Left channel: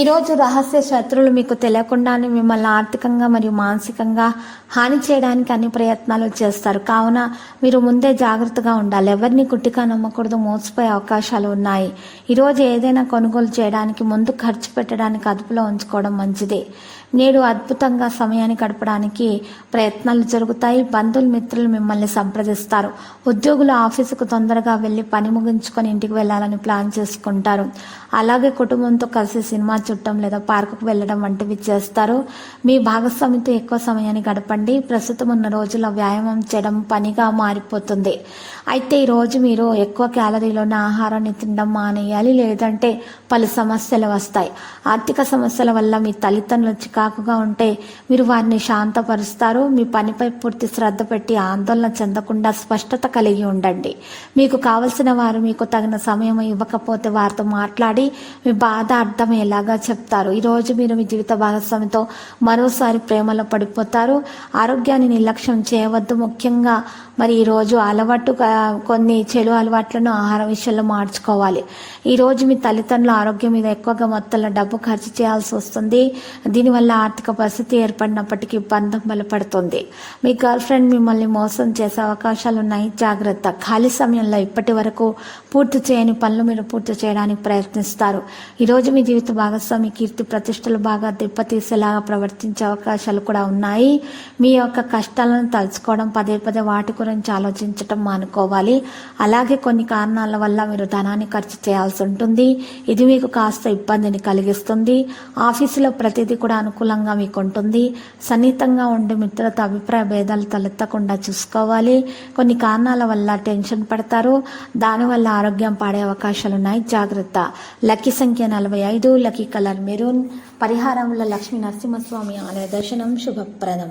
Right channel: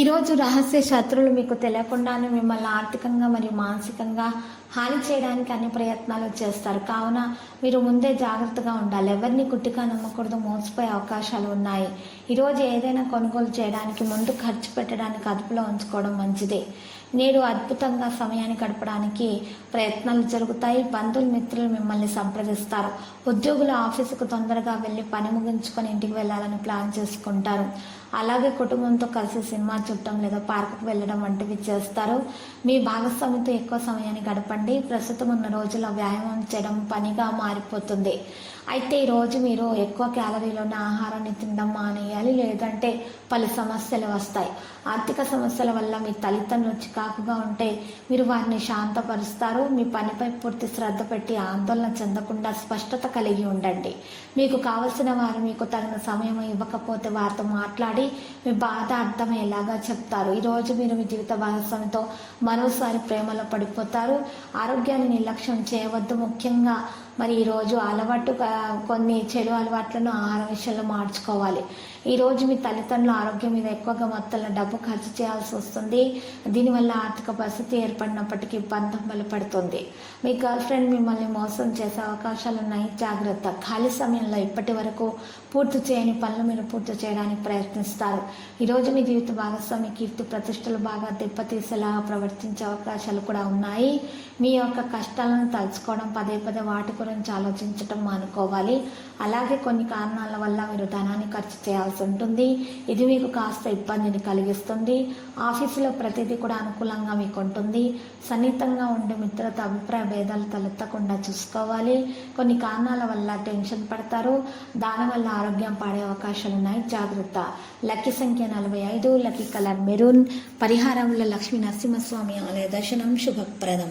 ఈరోజు రహస్య శత్రువులు మీకు తెలియకుండానే మిమ్మల్ని ఆర్థికంగా మరియు మానసికంగా హాని చేయడానికి అన్ని ప్రయత్నాలు చేస్తారు. కావున మీరు ముందే జాగ్రత్తగా ఉండాలి. ఎవరిని గుట్టిగా నమ్మకూడదు మోసపోయే అవకాశాలు ఉన్నాయి. ఈరోజు ఏదైనా కొనుగోలు చేయడానికి ముందు ఖర్చు పెట్టడానికి అదుపులో ఉంచుకోవడం మంచిది. నేడు అద్భుతంగా సమయాన్ని గడపడానికి ప్రయత్నాలు జరుగుతాయి. బంధువులు మిత్రులు మిమ్మల్ని సంప్రదిస్తారు. ఉద్యోగులు ఆఫీసుకు తొందరగా వెళ్ళి పని ముగించుకొని ఇంటికి వెళ్ళాలని ప్లాన్ చేసుకుంటారు. అలాగే కుటుంబంతో కలిసి సినిమా చుట్టం లేదా పార్కుకు వెళ్ళడం వంటివి చేస్తారు. మీ భాగస్వామితో ఎక్కువ సమయాన్ని గడపండి. ప్రస్తుతం ఉన్న రోజుల్లో వ్యాయామం చేయడం పనిగా మారిపోతుంది. అయితే ఈరోజు మీరు ఎక్కువ క్యాలరీలోని ఆహారాన్ని తినడం మానేయాలి లేదంటే పలు సమస్యలు వస్తాయి. ఆర్థిక సమస్యల వల్ల మీ తల్లిదండ్రులు చికాకుగా ఉంటే మీరు వారిని శాంతపరుస్తారు. మీ పనిపై పూర్తి శ్రద్ధ పెట్టి ఆందోళన చెందకుండా స్పష్టత కలిగి ఉండండి. మీకు కావలసిన వారు మీకు తగిన సమయం ఇవ్వకపోతే వారితో మాట్లాడి మీ బాధ అర్థమయ్యేలాగా చెప్తారు. ఈరోజు మీరు మీ జీవిత భాగస్వామితో మరోసారి ప్రేమలో పడిపోతారు. ఆరోగ్యాన్ని నిర్లక్ష్యం చేయవద్దు. ముఖ్యంగా మరి ఈరోజు అలవాటు కొన్ని చెడు అలవాట్లను ఆహార విషయంలో మార్చుకోవాలి. ఈరోజు మీ తల్లిదండ్రుల ఆరోగ్యం మీద ఎక్కువగా మొత్తంలో డబ్బు ఖర్చు చేయాల్సి వస్తుంది. దీనివల్ల ఆర్థిక పరిస్థితి ఏర్పడినప్పటికీ బంధం బలపడుతుంది. మీ గర్ల్ ఫ్రెండ్ మిమ్మల్ని మోసం చేసే అవకాశాలు ఉన్నాయి. జాగ్రత్త. ఖాళీ సమయంలో ఇప్పటి వరకు పూర్తి చేయని పనులు మీరు పూర్తి చేయడానికి ప్రయత్నిస్తారు. ఈరోజు మీ జీవిత భాగస్వామి కీర్తి ప్రతిష్టలు బాగా దెబ్బతీసేలాగా ప్రవర్తించే అవకాశాలు కూడా ఉన్నాయి. మీ యొక్క కష్టాలను తలుచుకోవడం పదే పదే వాటి గురించి ఆలోచించడం మానుకోవాలి. అలాగే కొన్ని కారణాల వల్ల మీరు ధనాన్ని ఖర్చు చేయాల్సి ఉంటుంది. ఇది మీకు కాస్త ఇబ్బందిని కలిగిస్తుంది. ఆఫీసులో ప్రతిదీ కూడా అనుకూలంగా మీకు ఉంటుంది. సన్నిహితంగా ఉండే మిత్రులతో అభిప్రాయ భేదాలు తలెత్తకుండా చూసుకోవాలి. కొన్ని కారణాల వల్ల టెన్షన్ పడతారు. దానివల్ల ఆరోగ్యం పాడే అవకాశాలు ఉన్నాయి. జాగ్రత్త. లక్కీ సంఖ్య నలభై ఐదు లక్కీ కలర్ మెరూన్. పరిహారంలో లక్ష్మీ నరసింహస్వామి ఆలయ దర్శనం శుభప్రదం.